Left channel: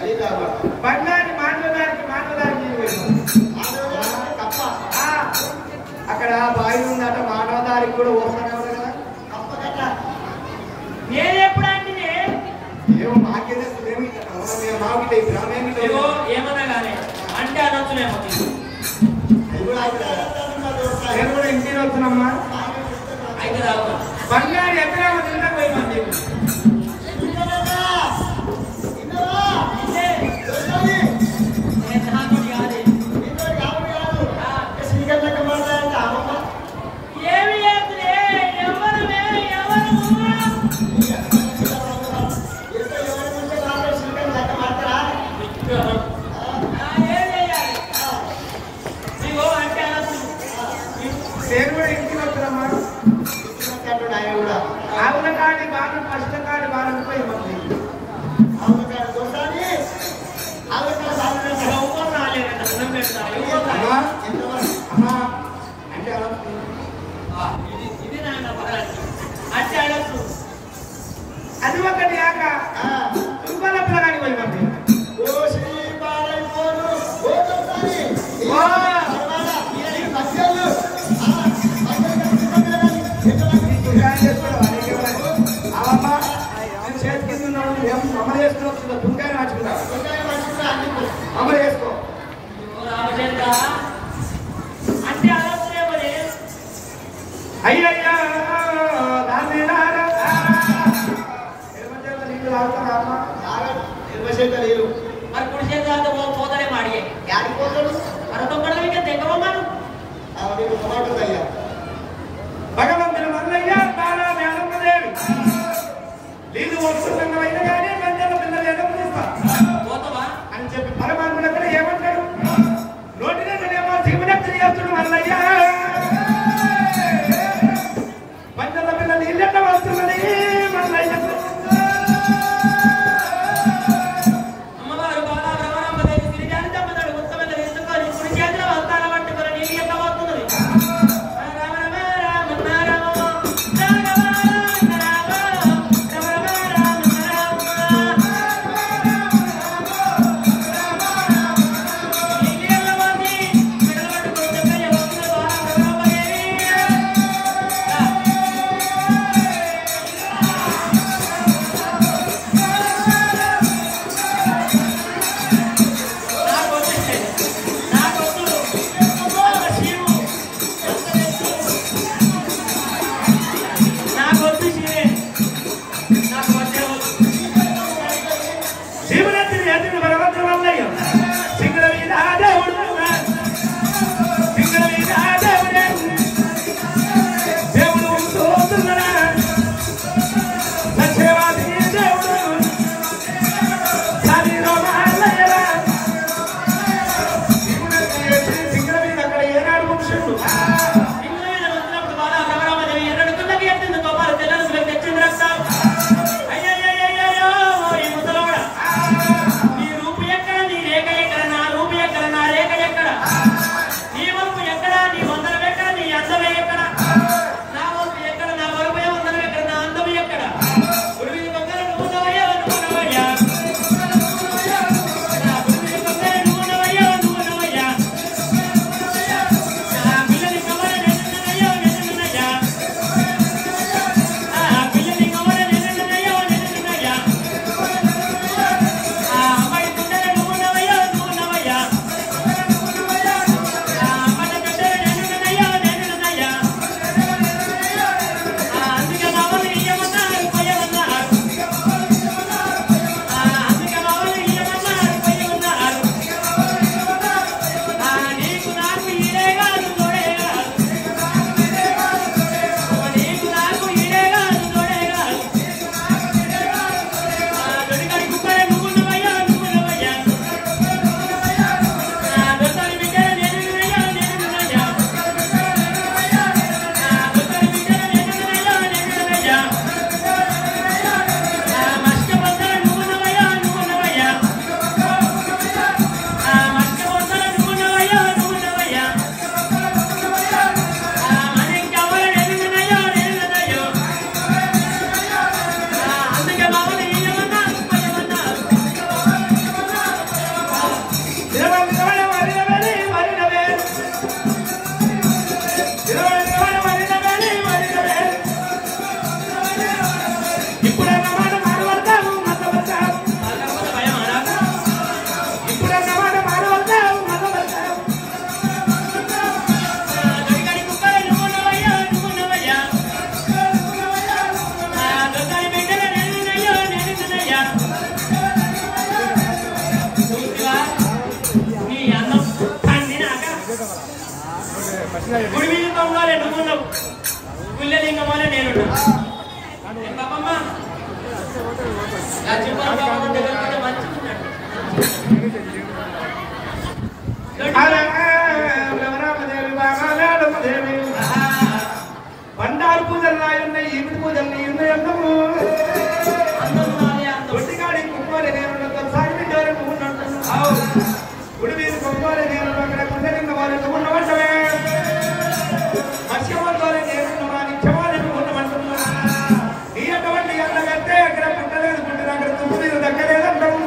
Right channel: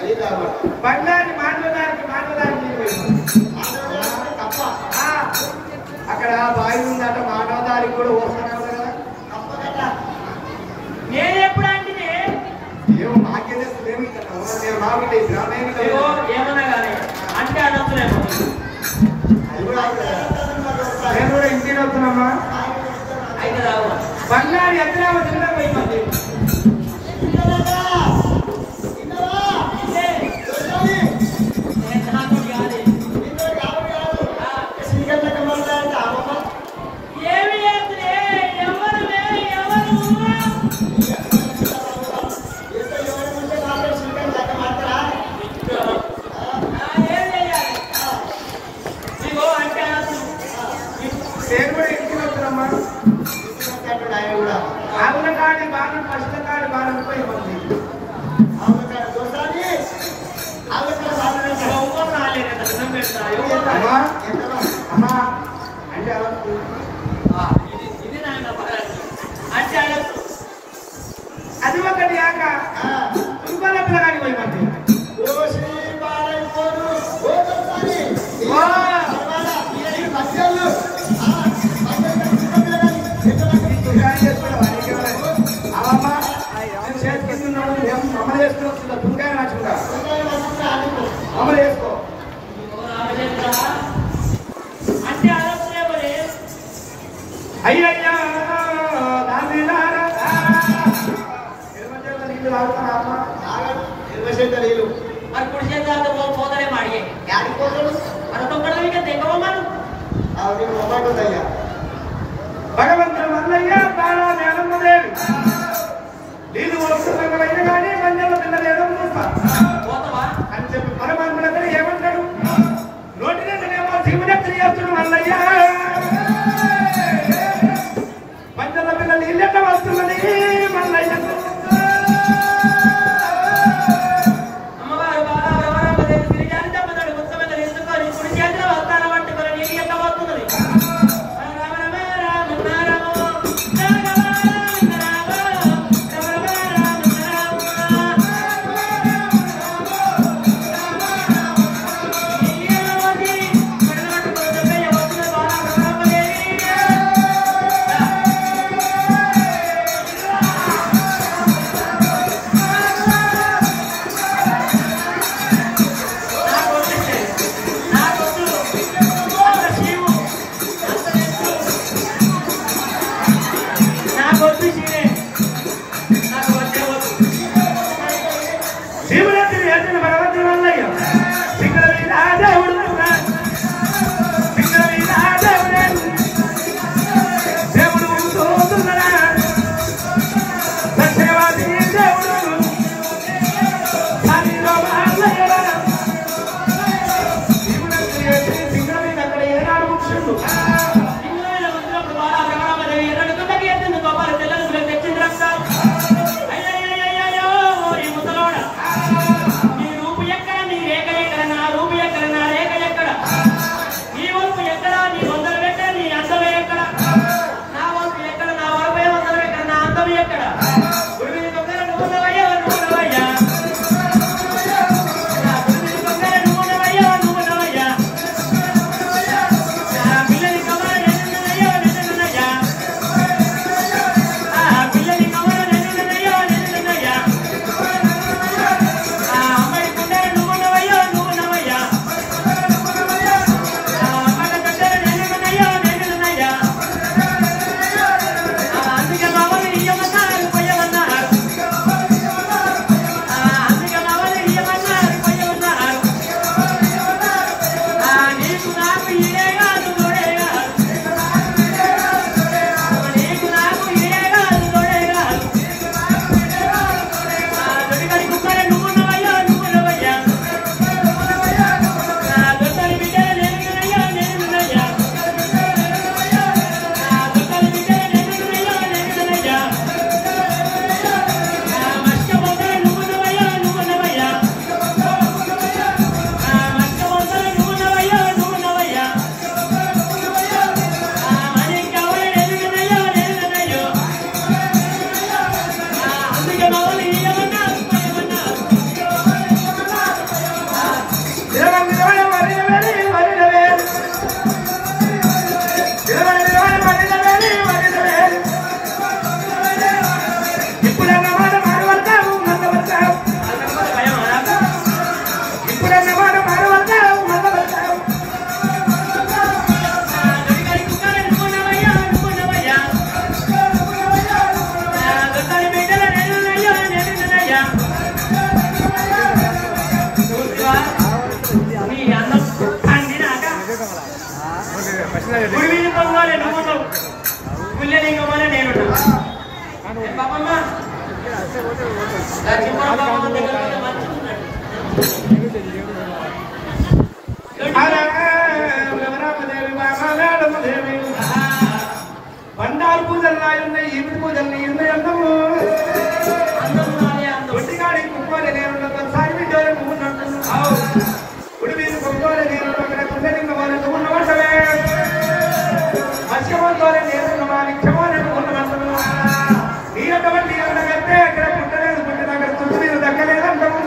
బంగారు మాట్లాడానికి అక్కడ బావి ఉందట మానవదారికి కూడా ఓడుతున్నావు కదా నేను ఎప్పుడంటే ఏమో నాకేం ఏమి నేను రావుంటే ఏమన్నా కానీ అంటే అనొచ్చులేమో నేను కూడా ఇంటికి వస్తున్నామ్మా అయితే రావు బంగారు ఎక్కడ తినడం పోయింది అది ఒకటి యాక రూపాయలకి పోయింది అమలు చేసుకో దుకాణం నచ్చుకుంటా అమలు చేసుకో అంటే అదే అయ్యయ్యా నీళ్ళు మరి కుడి చేతులతో పోతాడే మాడి యాడికి పోతాడు అర్థం ఇంకా తెగవమని అయ్యా భగవంతుడు మల్లయ్య బాలా వేలమ్మదేవి నీళ్ళు వస్తుందైన కానీ మంజల పిల్లలు ఏదో చూస్తా పోతావా అని చెప్పి పరమాత్మ దగ్గర ఏమంటాడు నోటిని శివుని చేస్తుడు మల్లయ్య మంజల పిల్ల నీళ్ళెట్ట వస్తున్నది మల్లయ్య గుడి మీద తొంగాలే నువ్వున్నావు, పుల్యలింగమాలే నేనున్నావు. బాబమ్మ చిన్న బాబమ్మ దగ్గర కూడా మంచిగా ఉన్నాడు. బండారు పూజలు రాయున్నాయి, ఎనిమిది పూజలు ఎన్నో ఒట్టిగాడి కుక్కలే నేను సాయి గుడి మీద కుక్కలే నేను అక్కడ కొండలింగ వాళ్ళని ఉండవే అశ్వతోనే నేను క్షమాలనుకుంటున్నాను. ఈ అటువంటి అందకంటే అక్కడ పుట్టలేదు, పుట్టిన అక్కడ చుట్టూ దక్కలేదంటాము.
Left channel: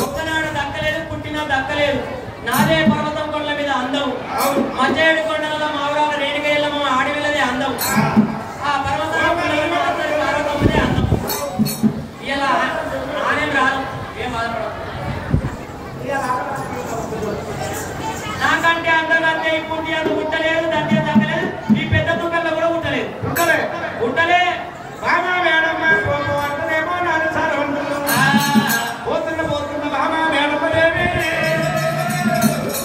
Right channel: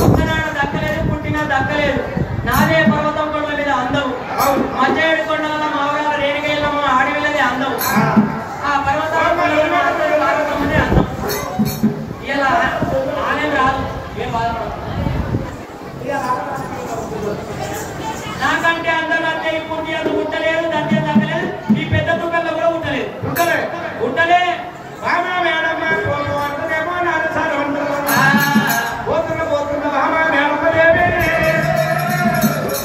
పుట్టనాడు దక్కలేదు, పుట్టినా దక్కలేదు. నాదే పర్వతం కొండల మీద అందం, మధ్యేడు కొండల మావరాల రేణికయ్యమ్మ ఆడివిల్లదే అందం. ఆ పర్వతాల పర్వతం మీదే అందం. ఇలా ఆనే రాదు, ఏం బాధపడదు. నాకంటే అందకంటే ఈ పుణ్యాలు పుట్టలేదు, దంతే దక్కలేదు. ఈ పెద్ద తుక్కల్లో కూడా పుట్టలేదు. పుట్టలే రామా మేడమ్మ అంటేమో నాన్న సార్ అంటున్నా పోతున్న రామా మేడమ్మ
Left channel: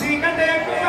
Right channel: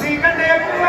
నీకంటే ఎక్కువ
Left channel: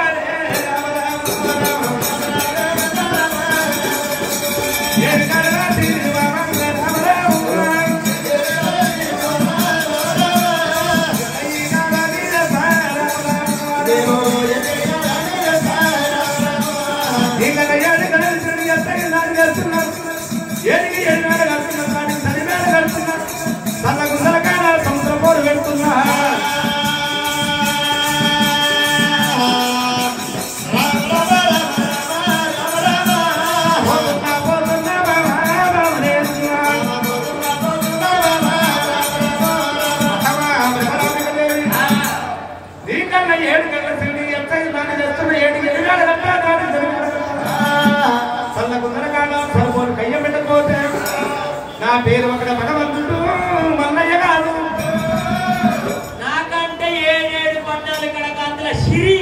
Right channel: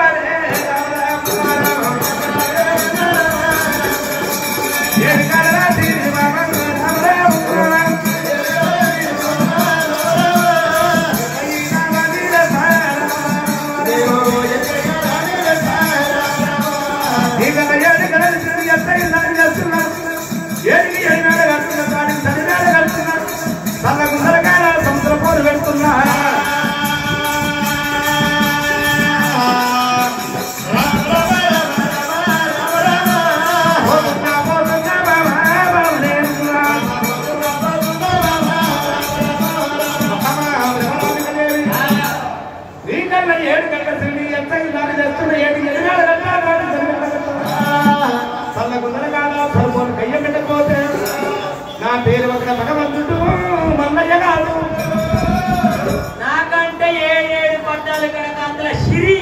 నాకంటే 7 పట్టాలు కనుక సిరి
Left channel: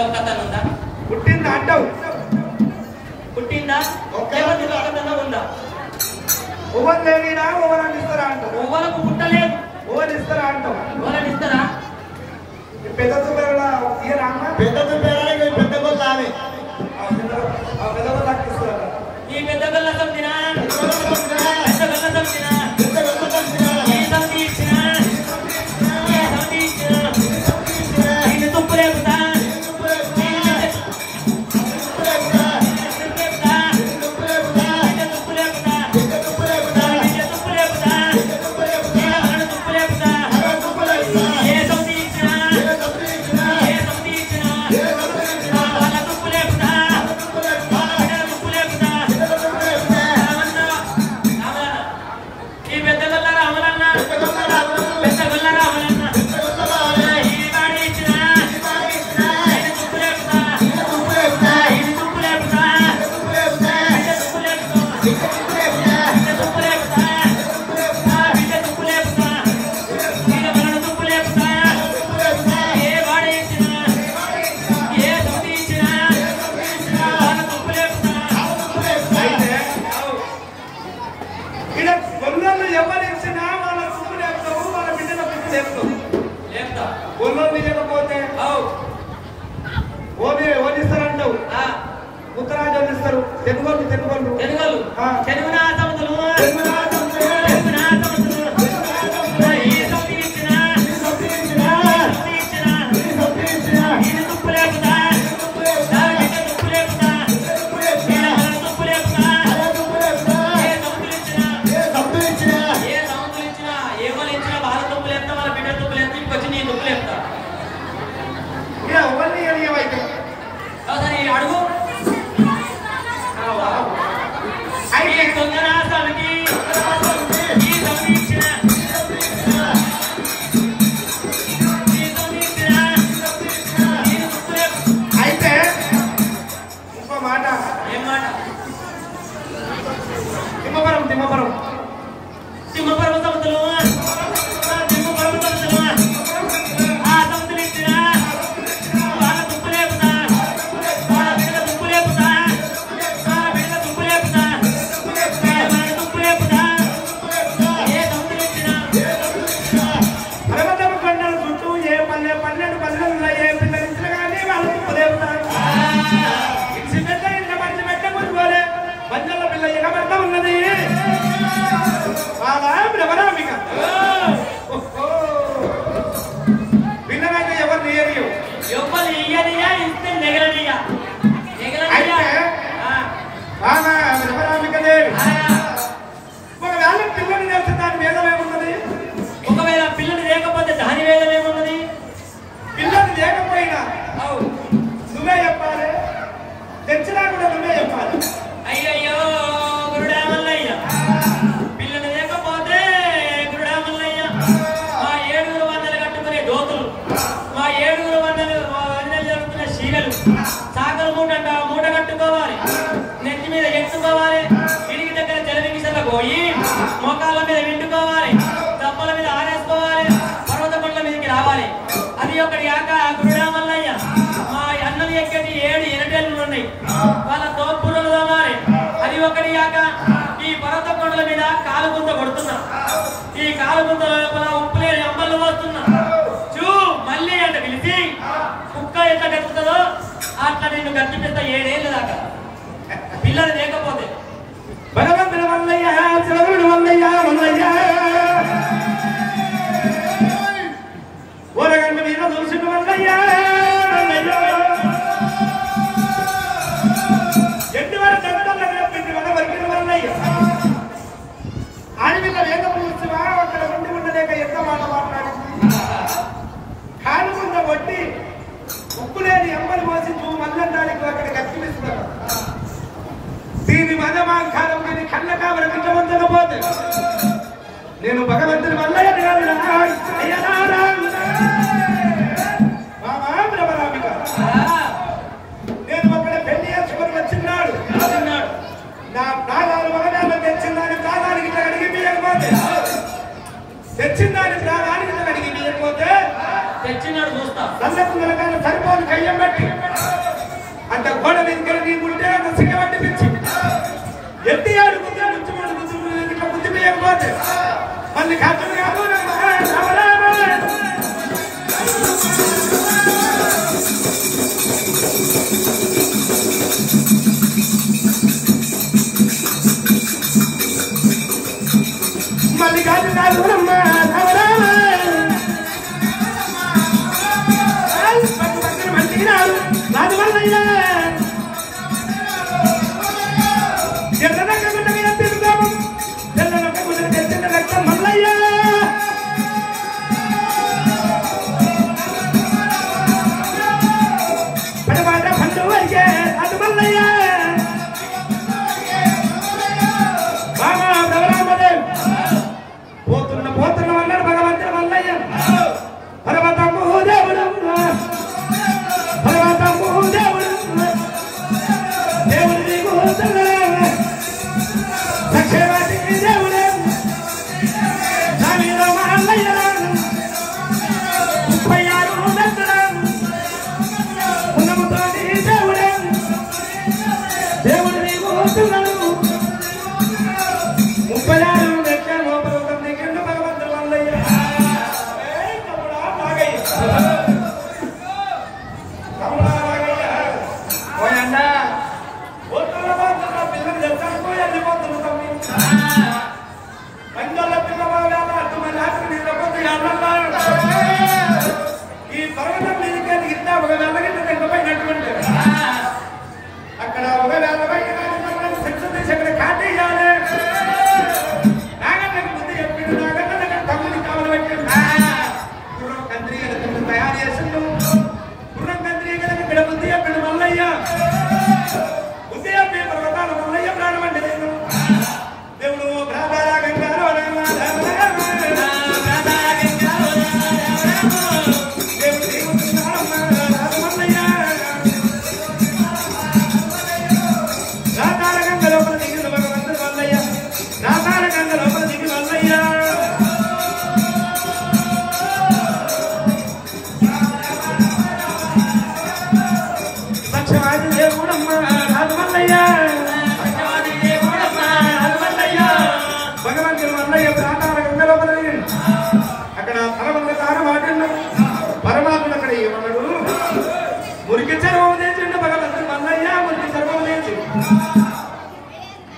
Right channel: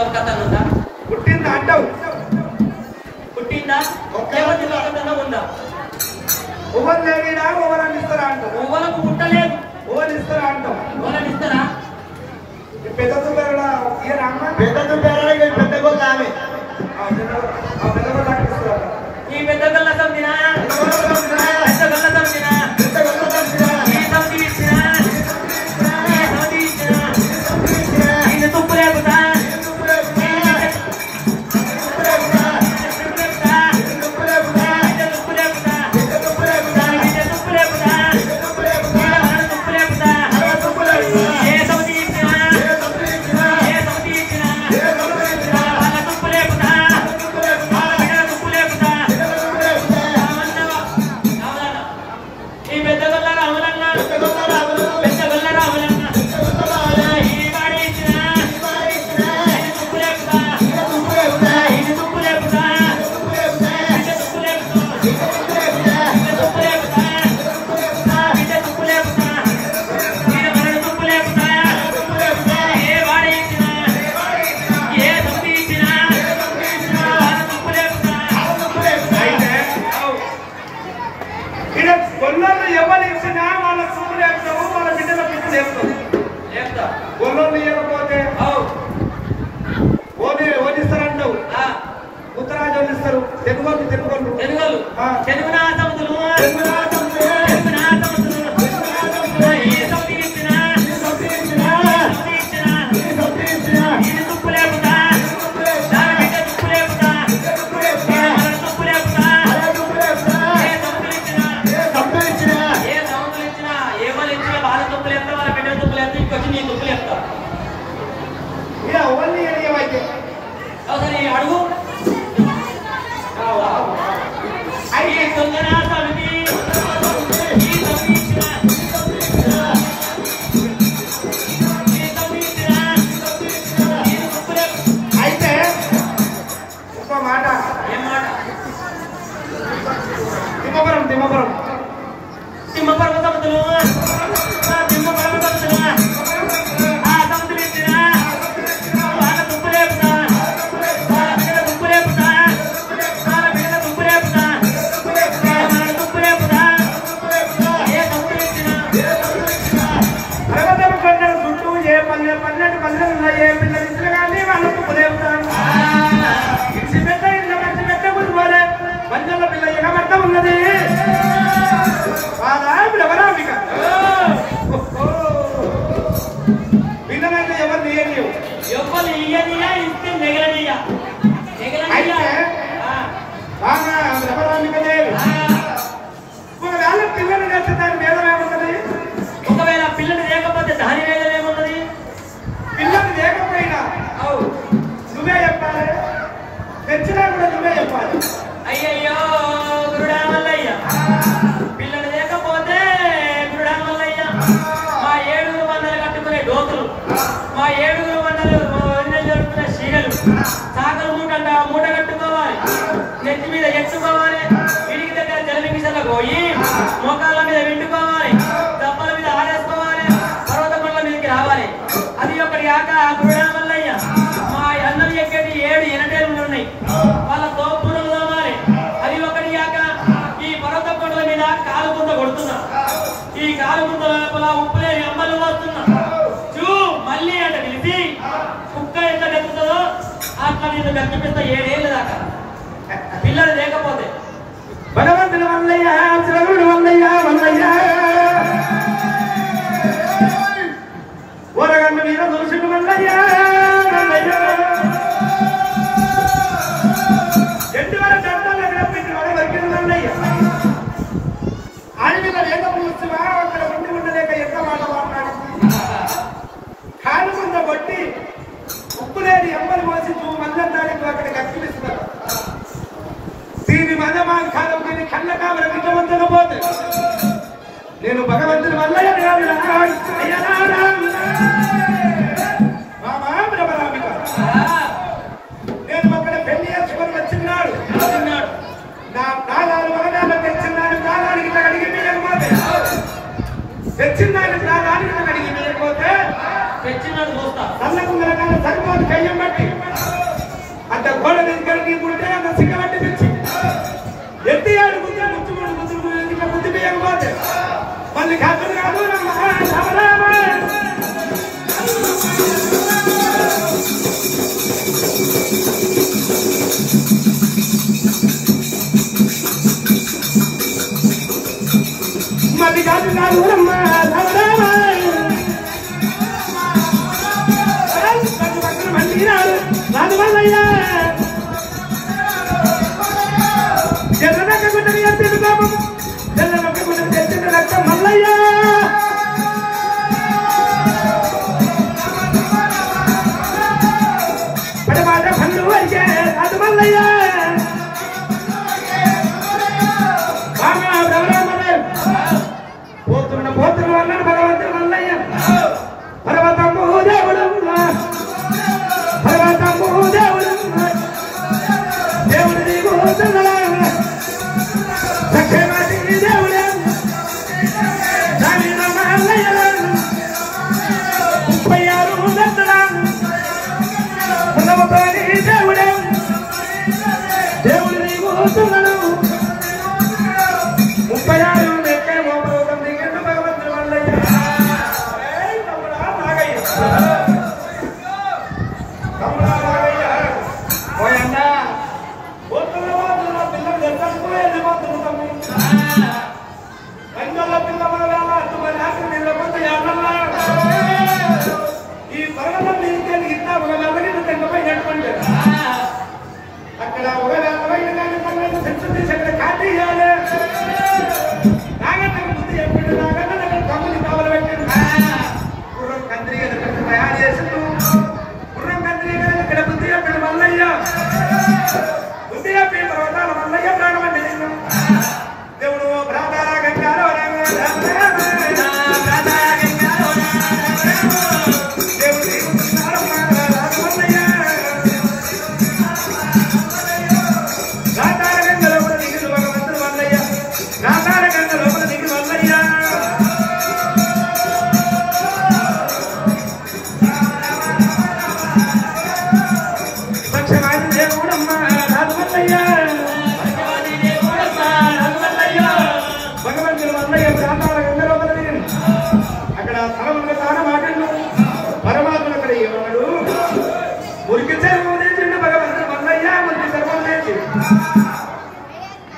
ఒక కథ ఉందా? పుట్టింది అంటావు, పుట్టిందా? ఎవరి కథ ఉందా? ఒకరు లేనిడా ఒకరని ఇస్తారా అంటావు, ఒకరికి పుట్టలేదు, ఒకరు ఇస్తారా అంటావు. ఒకరిని ఇస్తారా? పెద్దతో పేరు పెద్దతో పేరు పెద్ద గోళ్ళు ఆమె పెద్ద గోళ్ళు ఇస్తారా? ఈ పెద్ద గల్ల సందినా, పెద్ద గల్ల సందినా, ఈ సంది ఇచ్చినా, ఈ సంది ఇచ్చినా, ఇది తుప్పు లేకుండా కాలుగుంత లోపల ఉప్పులే అమ్మలు వస్తున్నా చూ మళ్ళీ అంటే పిలిచి కుక్క ఎట్లా గెలుతుందో అట్లా నిన్ను గట్టిపిస్తా 7 ఏళ్ళ దాకా పిల్లలు లేకపోతే భగవంతుడు వల్లయ్య శ్రవణుడు వల్లయ్య వల్లయ్య ఓరగమ్మ మీద దోషుడు వల్లయ్య వల్లయ్య ఎట్టి వారి దత్తల పెట్టి వారి వర్కిన వల్లయ్య ఆడపిల్ల వేగం వచ్చువా అక్కడ ఉండలేక ఎంత మాట మాట్లాడింది కాలుగుండ కొట్టి ఉప్పులేని ఎమ్మని మోసి మల్లం దానికి అక్కడ గట్టిపిస్తున్నారు దీని మనమాంకారం దీని కళ్ళ కావలి వింటవంతకపోతే నేను భగవంతుని వల్లయ్య నేను ఒక పెళ్లి చివరి వచ్చిన్నాడు నా ప్రాణాలు ఒకదాన్ని తెచ్చిందాన్ని ప్రాణానికి అడిగి మీయకపోతే తెచ్చిందాన్ని ప్రాణానికి అడిగి మీయకపోతే తెచ్చినాడు చూస్తా అల్లకు నరకాల సరిపోదు కయ్యం బట్టి అంత గోడ మీద నీకుంటే అంత సిగ్గబట్టి పిచ్చి ఎత్తి ఆడుకుంటే ఇట్లా బుద్ధి వేయకపోతే మళ్ళీ ఖాతలు కాదు మళ్ళీ కాదు కాదు మళ్ళీ రాదు రాదు వల్లయ్యా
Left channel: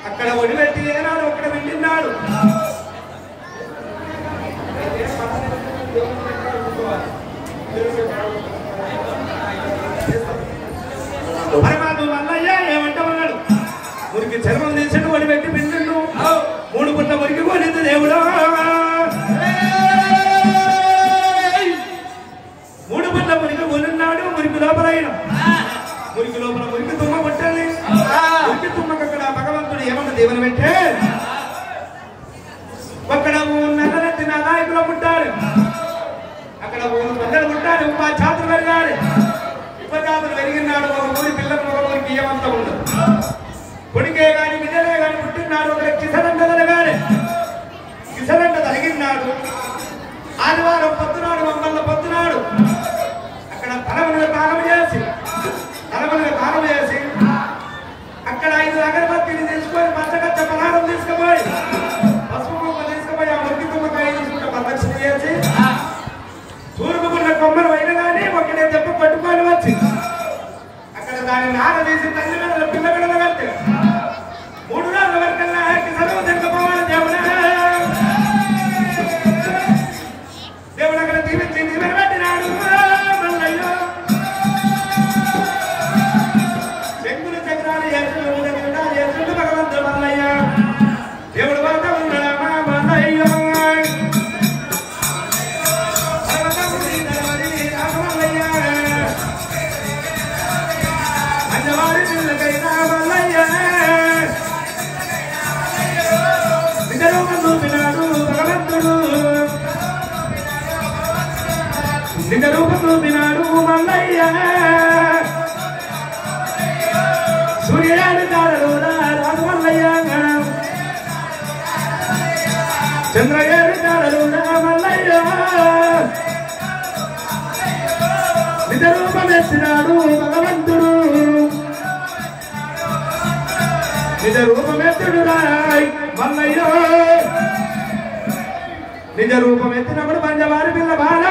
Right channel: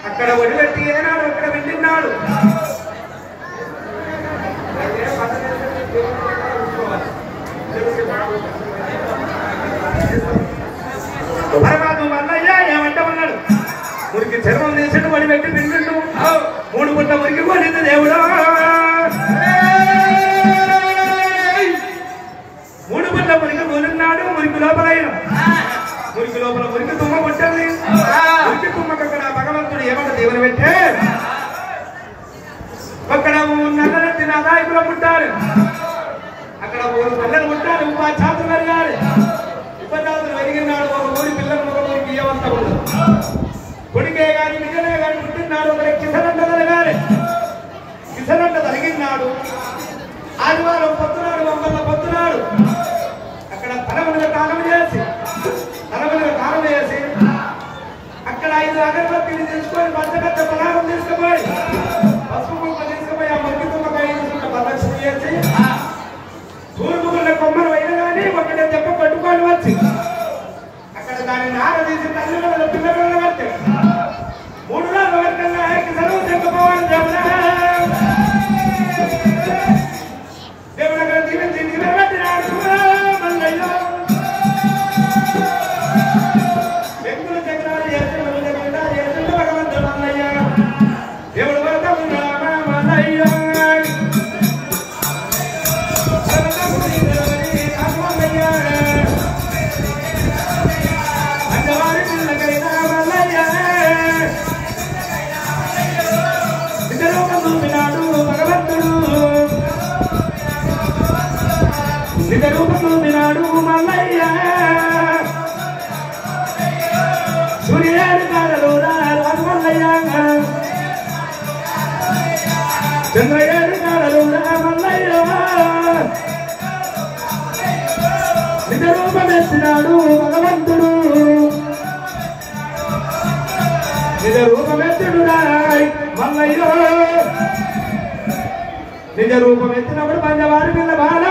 అక్కడ ఒడిపెట్టి ఏనాడు అక్కడ వెళ్ళినాడు పరమాత్మ మల్లయ్య ఏమంటామన్నాడు మురికి చర్మం తీసాడు ఒడిపెట్టి పిలిచిండు 3 పుట్ల మురికి పోనింది దేవుడు 3 పుట్ల మురికి పోనున్నాడు మురికి లోపలైన మురికి లోపల మురికి తుమ్మ పుట్టాలి మురికి తుమ్మకు అక్కడ భగవంతుడు ఏమంట దేవుని పెట్టే అక్కడ నల్లరెత్తి నా నాయకులు పుట్టారు అక్కడ 3 పల్లెలు పుట్టారు ఉపచాతులు పెరిగారు ఉపచాతులు పెరిగినాడు ఒక ఊరి పిల్లలు ఒక ఊరికి ఏమంతా ఉండదు కొడుకే గాని బిడ్డలే గాని పుట్టినాడు ఒకరికి కిసరంట తరగారు కిసరంట తరిగినాడు ఆదివారం పొద్దునాడు మంగళ పొద్దునాడు అక్కడ తలములుగా తాళం చేసి అక్కడ 5 అగరబత్తీలు తీసుకొని పచ్చగచ్చ పలారం తీసుకుపోయి పసుపు కుక్క తీసుకుపోయి ఆ మురికి తుమ్మకాయ చంద్రగారి కాలలు మల్లయ్య నిజ రూపమెత్తినాడు భగవంతుడు నిజ రూపమెత్తుడు రాయ్ మల్లయ్య నిజ రూపమెత్తినప్పుడు పంచవారి పిల్ల బాల